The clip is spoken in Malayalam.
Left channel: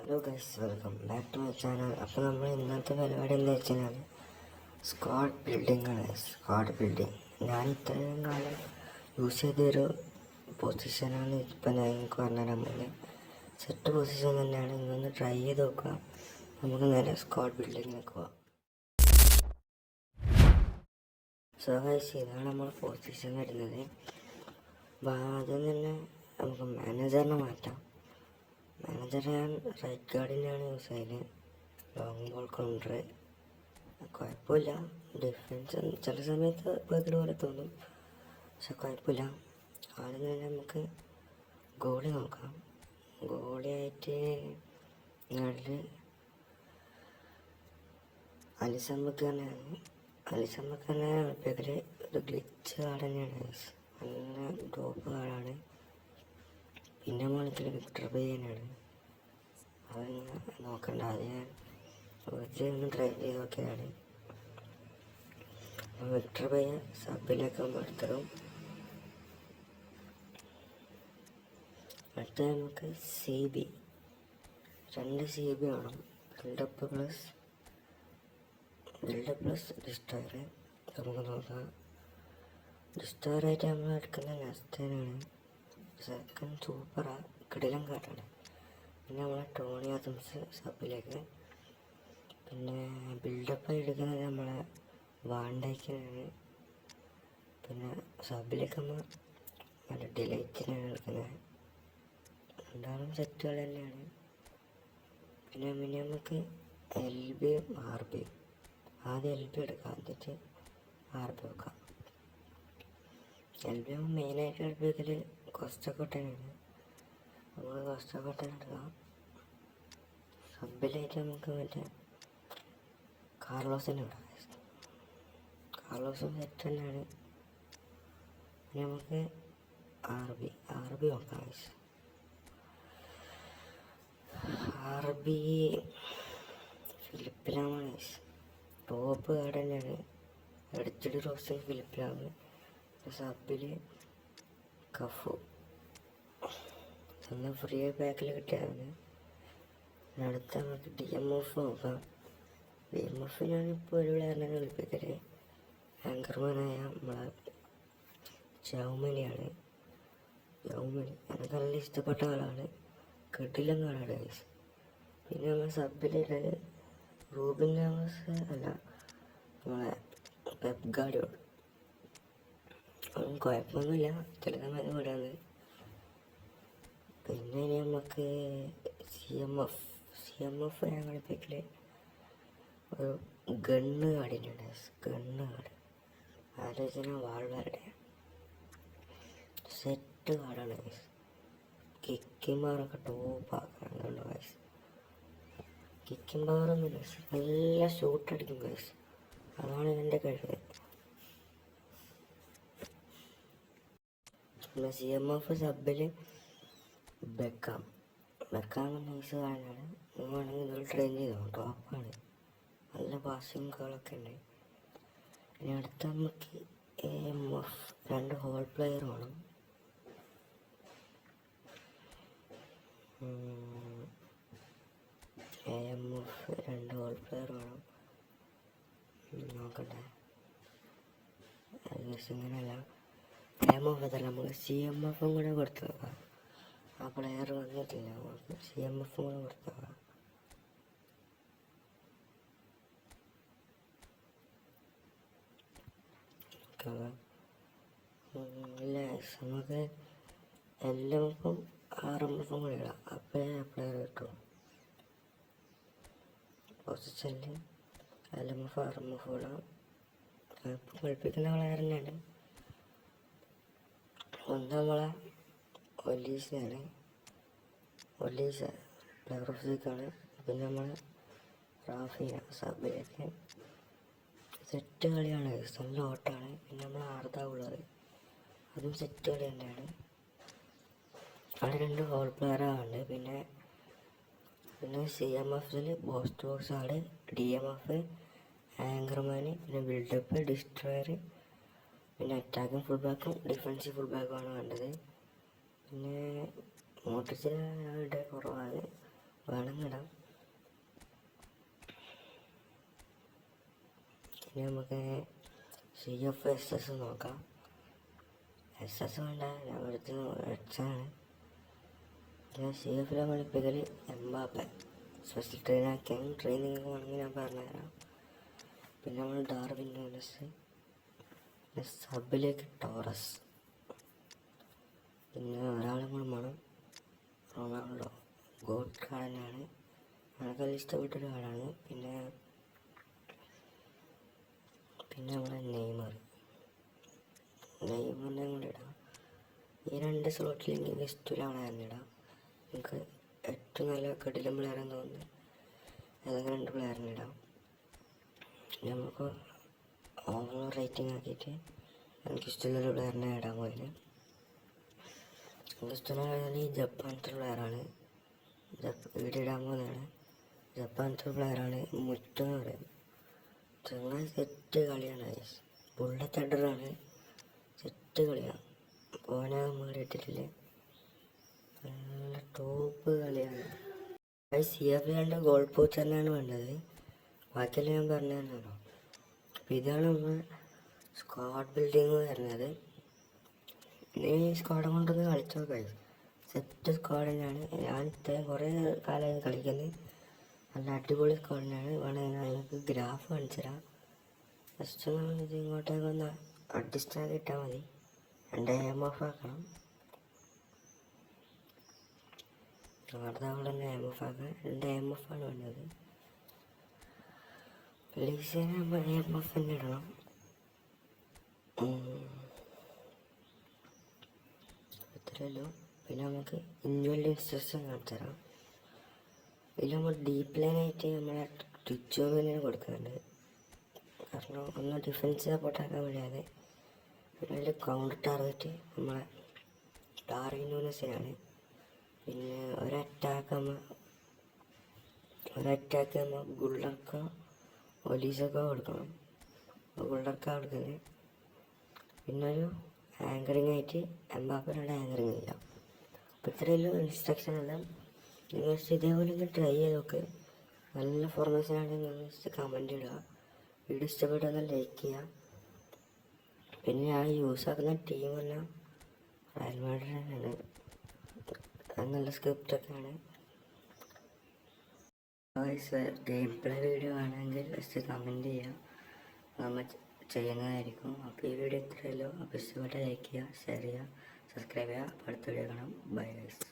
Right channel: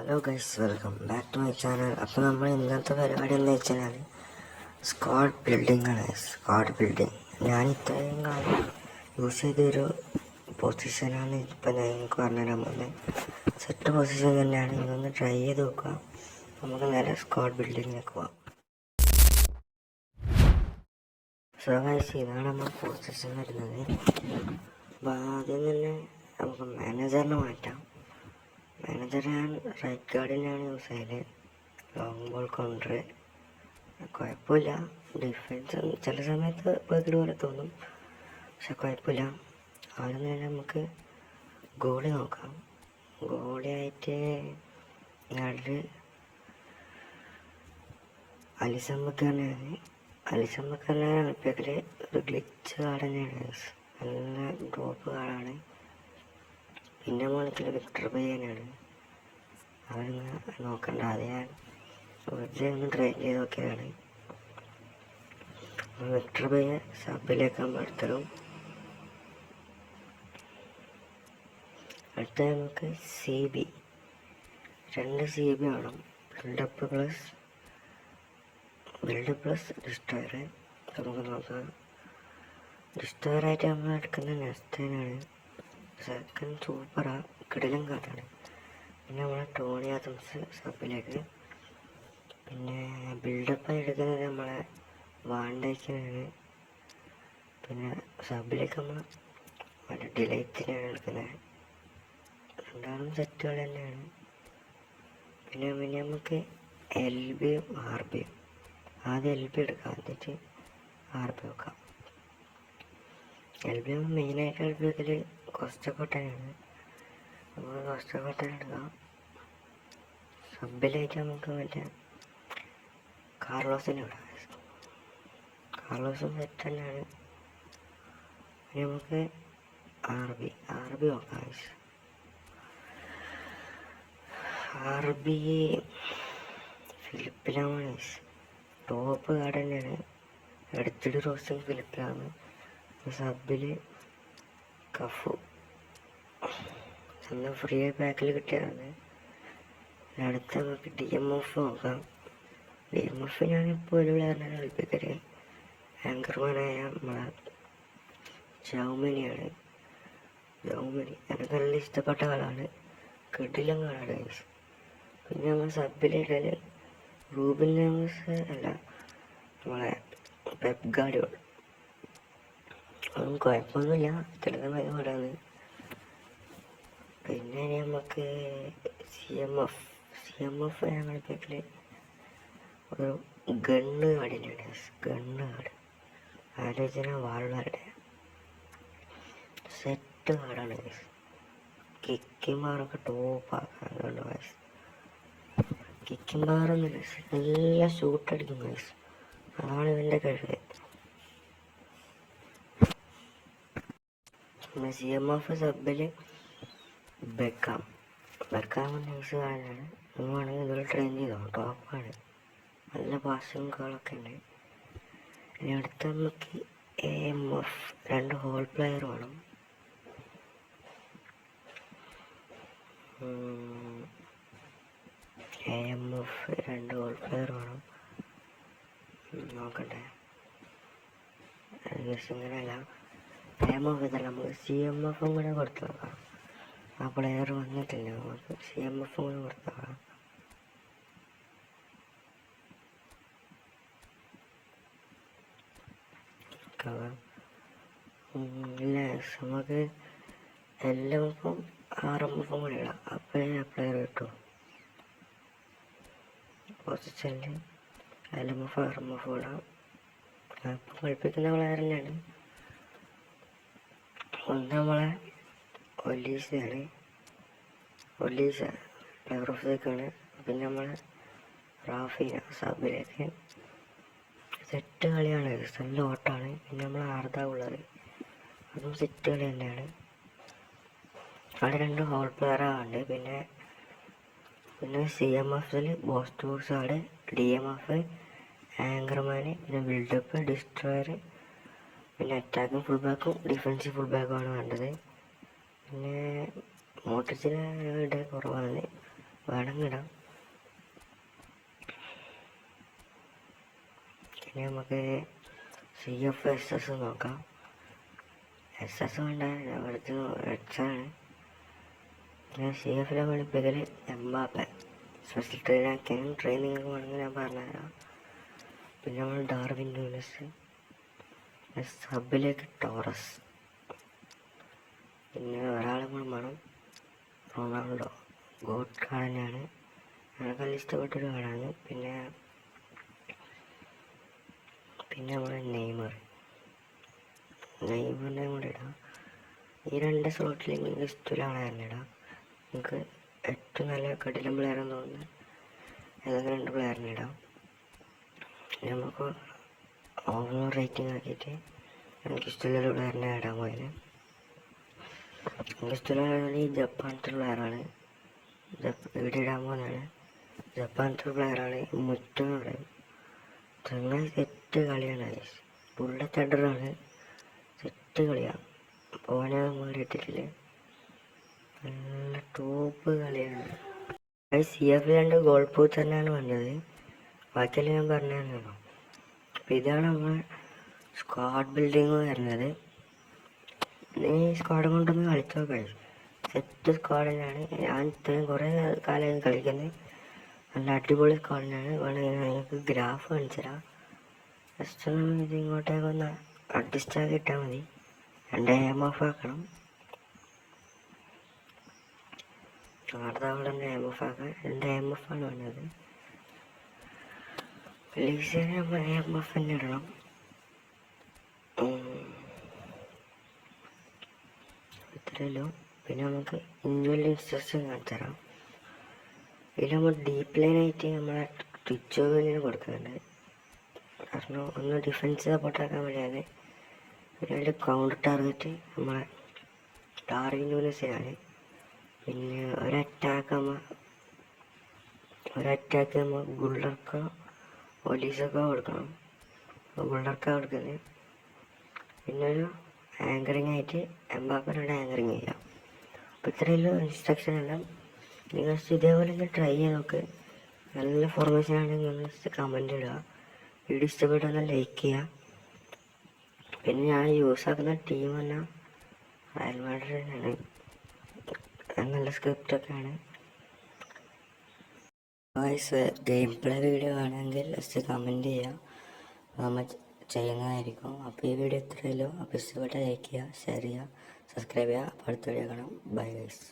Hello guys, welcome back to my channel. അപ്പോൾ നമ്മൾ ഇന്നത്തെ പരിപാടി എന്ന് വെച്ചാൽ സ്ക്വാഡ് ബിൽഡിംഗ് ആണ്. സ്ക്വാഡ് ബിൽഡിംഗ് ഞാൻ ഇത്രയും കാലം യൂസ് ചെയ്തൊരു പൊസിഷനാണ് ഇപ്പം ഞാൻ നിങ്ങൾക്ക് പറഞ്ഞുതരാൻ പോകുന്നത്. സെറ്റ് പൊസിഷൻ തന്നെയാണ്. ഇതൊന്ന് ട്രൈ ചെയ്ത് നോക്കുക. നമുക്ക് നേരെ സ്ക്വാഡ് ബിൽഡിങ്ങിലേക്ക് പോകാം. സോ ഗൈസ്, ഇതാണ് നമ്മുടെ പൊസിഷൻ വരുന്നത്. അപ്പോൾ ആദ്യം തന്നെ നമുക്ക് മാനേജറിനെ മാറ്റാം. മാനേജർ ഞാൻ റൈറ്റ് ഗാർഡിനാണ് യൂസ് ചെയ്യല്. ലോങ് ബോൾ കൗണ്ടർ കുഴപ്പമില്ല. ഡിഫൻസ് ചില സമയത്ത് ബേക്കഡ് പോലെ തോന്നും, പക്ഷെ കുഴപ്പമില്ല. ആദ്യം തന്നെ നമുക്ക് ഗോളി നോക്കാം. ഗോളിയായിട്ട് ഞാനിൽ അലിസൺ ബക്കറിനെയാണ്. അലിസൺ ബക്കറിനെ കളിപ്പിക്കൽ ഒരു ഗ്ലിച്ച് കാർഡ് തന്നെയാണ്. നല്ല ഡ്രോപ്പ് കാർഡാണ്. പിന്നെ മോളത്തിൽ വിക്ടർ ബയ്യനാണ്. അവരൊന്ന് നോക്കണ്ട, അത് ഞാൻ വെറുതെ ഒന്ന് ട്രൈ ചെയ്ത് നോക്കിയതാണ്. വിക്ടർ ബയ്യ സബിലേക്കാൻ അടുത്തതും. അടുത്ത നമുക്ക് CB 2 CB വേണം. Buildup plus destroyer. നമുക്ക് നോക്കാം. ഡിസ്ട്രോയറായിട്ട് നമ്മൾ എടുക്കുന്ന നെസ്റ്റനാണ്. സെക്കൻഡ് സൂപ്പറാ, കിടിലൻ കാർഡാണ്. പിന്നെ നമ്മളെ ടോണി ആദംസ് സബിലേക്ക്. പിന്നെ ബിൽഡപ്പ് എടുക്കുന്നത് നമ്മളെ വാണ്ടേക്കിനാണ്. പിന്നെ സബിലേക്ക് നമ്മൾ നല്ല ഡിലൈറ്റിനാണ് എടുക്കുന്നത്. രണ്ടാളും സെറ്റുകൾ തന്നെയാണ്. പിന്നെ നമുക്ക് LBയും RBയും. ആദ്യം LB എടുക്കാം, എന്നിട്ട് RB വെക്കാം. LB മെയിനായിട്ട് LB വെക്കൽ കോസ്റ്റക്കോട്ടനാണ്. നമ്മൾ കോസ്റ്റക്കോട്ടൻ എടുക്കാം. സബിലായിട്ട് നമുക്ക് മറ്റേ കാർലോസിനെ വിടാം. കാർലോസും സെറ്റ് തന്നെയാണ്. പിന്നെ നമുക്ക് RB നോക്കാം. RB ഫിലിപ്പിലാണ്. ടോപ്പ് കാർഡ് തന്നെയാണ്. എടുത്തിട്ട് റോസ്റ്റൻ ഫിലിപ്പിലാണ്. സബിൽ കഫു നല്ല ഫ്രീ പാക്കിൽ കിട്ടിയതാണ്. അടുത്ത നമുക്ക് DMF നോക്കാം. DMF ഞാനിപ്പോൾ ഒരു പ്ലെയറിനാണ് കളിപ്പിക്കല്. ആങ്കർമാനായ നമ്മളെ ജൗമനിയാണ്. എനിക്ക് നല്ല ഇഷ്ടപ്പെട്ട ആളാണ്. കിടിലൻ കാർഡാണ്. പിന്നെ നമ്മൾ സബിലിടല് റൂബിൻ നെവസ് അല്ല, നമ്മളെ പെപ്പ് ഗാർഡിയോൾ. അതും കുഴപ്പമൊന്നുമില്ല, ചില സമയത്ത് വിടുന്നത്. പിന്നെ നമുക്ക് CMF ഞാൻ കളിപ്പിക്കല് ഒരു ഗണ്ണ് കാർഡിനാണ്. ഗണ്ണ് കാർഡ് ആലോചന വാളുകാരുടെ സെറ്റ് കാർഡാണ്. കിക്കിമാറൊക്കെ ടോപ്പാക്കാം. അതുകൊണ്ട് വയസ്സ് കിക്കിമാറൊന്നുമില്ല, നല്ല ഷൂട്ടടിക്കും വയസ്സ്. അതാണ് ഇവൻ്റെ കഴിവ്. പിന്നെ CMF സബിൽ ബെക്കാം നൈസ് കാർഡാണ്. വേണമെങ്കിൽ ഇതുപോലെ ട്രെയിൻ ചെയ്തോ, ടോപ്പാണ്. നല്ല പാസിങ് കോളൊക്കെ ഉണ്ട്. ഇനി അടുത്ത നമുക്ക് AMF 2 ഹോൾ പ്ലെയർ വേണം. AMF 2 ഹോൾ പ്ലെയർ വേണം. നോക്കട്ടെ, ഇങ്ങനെയല്ല. AMF ഇതല്ല, നമുക്ക് CMF കൂടെ കൊടുത്തു നോക്കാം. ആ പ്ലെയർ വന്നിട്ടില്ല, നമുക്ക് CMF കൂടെ കൊടുത്തു നോക്കാം. ഇല്ല, നമുക്ക് LMFും RMFും കൂടെ ഇടാം. അപ്പോഴേ പ്ലെയർ കിട്ടും. പൊസിഷനിൽ LMF RMF ഇടാം. അപ്പം കളിപ്പിക്കുന്ന പ്ലെയർ തന്നെയാണ്. ഒന്ന് നമ്മളെ ഒലീസയാണ്. ഒലീസ പ്ലെയർ ഓഫ് ദക്കാണ്. പിന്നെ നമ്മളെ റാഫിന സബിലേക്ക്. സെറ്റ് കളിയാണ്, നല്ല ഓട്ടാണ്. പിന്നെ നമ്മൾ ആർദ ഉള്ളത്, അതും സെറ്റ് കളി തന്നെയാണ്. അവിടെ 2 ഹോൾ പ്ലെയറാണ്. പിന്നെ CMFിൽ ബോക്സ് ആണ്. DMF ആങ്കർമാന്. പിന്നെ ബിൽഡപ്പ് ഡിസ്ട്രോയർ. പിന്നെ അറ്റാക്കിങ് ഫുൾ ബാക്കും ഡിഫൻസീവ് ഫുൾ ബാക്കുമാണ് വേണ്ടത്. പിന്നെ മോട്ടിച്ചിന് കുറവാണ്. വേണമെങ്കിടാം. ഇനി നമുക്ക് CF SS നോക്കാം. SS വേണ്ട, ഇവിടുത്തെ എക്സാണ്. CFലെ പഠിപ്പിക്കൽ എംബാപ്പെ സ്പെഷ്യൽ ട്രെയിനാക്കിയാണ്. ട്രെയിനിങ് വേണമെങ്കിൽ ഞാൻ പറഞ്ഞുതരാം. പിന്നെ നമ്മൾ ഡാർവിൻ നൂനസ്, സബിലേക്ക് ടോറസ്, പിന്നെ ഒരാളും കൂടെ വേണം, റൊണാൾഡോ. ഗോട്ട് കാർഡനാണ്, എനിക്ക് ഇഷ്ടപ്പെട്ടൊരു കാർഡാണ്. പിന്നെ നമ്മുടെ നെയ്മറിനെ കൂടെ ഇടാം. ഈ 2 സ്ലോട്ടിൽ എനിക്ക് ഇഷ്ടമുള്ള ആളെ ഇടാം. എനിക്ക് ഏറ്റവും നല്ല കടിലം പ്ലെയറെന്ന് തോന്നുന്നത് ഏതെങ്കിലും 2 പ്ലെയറിനെ ഇടാം. നമുക്ക് ഓവറോൾ റേറ്റിംഗ് ആക്കിയിട്ട് എനിക്കിഷ്ടമുള്ള പ്ലെയറിനെ ഇടാൻ പോയത്. എനിക്കിഷ്ടമുള്ള ഈ ജപ്പാനത്തെ പ്ലെയറാണ്. ഇവിടെ ഇടാൻ പോകുന്നതാണ്. ജപ്പാനത്തെ പ്ലെയറാണ് മുറ്റം എന്ന് പറയും. ചങ്ങായി സെറ്റ് കളിയാണ്. ബുള്ളറ്റ് ഹെഡറാണ്, സെറ്റ് കളിയാണ്. പോനെ മാറിയിട്ടില്ല, നല്ല ടോപ്പ് കളിയാണ്. CF 2 ഗോൾ പോസ്റ്റ് തന്നെയാണ് വേണ്ടത്. ബാക്കിയെല്ലാം ഞാൻ പറഞ്ഞു തന്നല്ലോ. അപ്പം ഇതാണ് നമ്മൾ സ്ക്വാഡ് ബിൽഡിങ് വരുന്നത്. നീ സ്ക്വാഡ് കൊണ്ടൊന്ന് കളിച്ചോ കഴിയും. സെറ്റ് സ്ക്വാഡ് തന്നെയാണ്. ഞാൻ ഇത്രയും കുറേ കാലം കളിക്കുന്നത്. നല്ല അടിപൊളി സ്ക്വാഡ് തന്നെയാണ്. വേണമെങ്കിൽ നിങ്ങൾക്ക് ഗ്രാഫ് കാണിച്ചു തരാം. ജസ്റ്റ് ഒന്ന് ഇത് ഇങ്ങോട്ടേക്കൊന്ന് അഡ്ജസ്റ്റ് ആക്കി ഇട്ടാൽ മതി. 2 AMF ആക്കണം. അടുത്ത അവിടെ AMF ആക്കാം. 2 AMF ആണ് വേണ്ടത്. ലീസിനെ നമ്മൾ AMF തന്നെ ഇടണം. ഇത്രയല്ലോ. പിന്നെ നമുക്ക് ഇൻഡിവിജ്വൽ ഇൻസ്ട്രക്ഷൻ കാണിച്ചു തരാം. ഇതിൽ നമ്മൾ ഡീപ്പ് ലൈനായിട്ട് നമ്മളെ ട്വിച്ചോവിന് കൊടുക്കുന്നുണ്ട്. കാരണം ഒന്ന് ഡിഫൻസ് സപ്പോർട്ടാക്കാൻ വേണ്ടിയാണ്. പിന്നെ അതിൽ കൗണ്ടർ ടാർഗറ്റ് നമ്മളെ ഡാർവിൻ നൂനസിനാണ്. പിന്നെ ഒരറ്റാക്ക് നമ്മൾ ഗുള്ളർക്കോ പോലീസൊക്കെ കൊടുക്കണം. ഗുള്ളർക്കാണ് കൊടുക്കുന്നത്. പിന്നെ ഒരു ആങ്കറിങ് ആയിട്ട് എംബാപ്പനോട് ആങ്കറിങ് ചെയ്യാം. അപ്പോൾ ഇത്രയുള്ള ഇൻസ്ട്രക്ഷൻ എല്ലാം നിങ്ങൾ ഇതേപോലെ ഒന്ന് ട്രൈ ചെയ്ത് നോക്ക്. നല്ല ഫോർമേഷൻ ആണെങ്കിൽ ഒന്ന് കമൻറ്റ് ഇടുക. വീഡിയോ ഇഷ്ടപ്പെട്ടാൽ ലൈക്ക് ചെയ്യുക. പിന്നെ ഞാൻ യൂസ് ആക്കുന്ന ടീം എല്ലാം റയൽ മാഡ്രിഡ് തന്നെയാണ്. നല്ല സ്ക്രിപ്റ്റൊക്കെയാണ്. ഗെയിം പ്ലേ വീഡിയോ ആണെങ്കിൽ ജസ്റ്റ് കമൻറ്റ് ചെയ്യുക, നമ്മൾ ചെയ്യുന്നതായിരിക്കും. അപ്പോൾ ഈ വീഡിയോ ഇത്രയല്ലോ. അപ്പോൾ ഇഷ്ടപ്പെട്ടാൽ ലൈക്ക് ചെയ്യുക, ഷെയർ ചെയ്യുക, സബ്സ്ക്രൈബ് ചെയ്യുക. അടുത്ത വീഡിയോ കാണാം. Bye guys.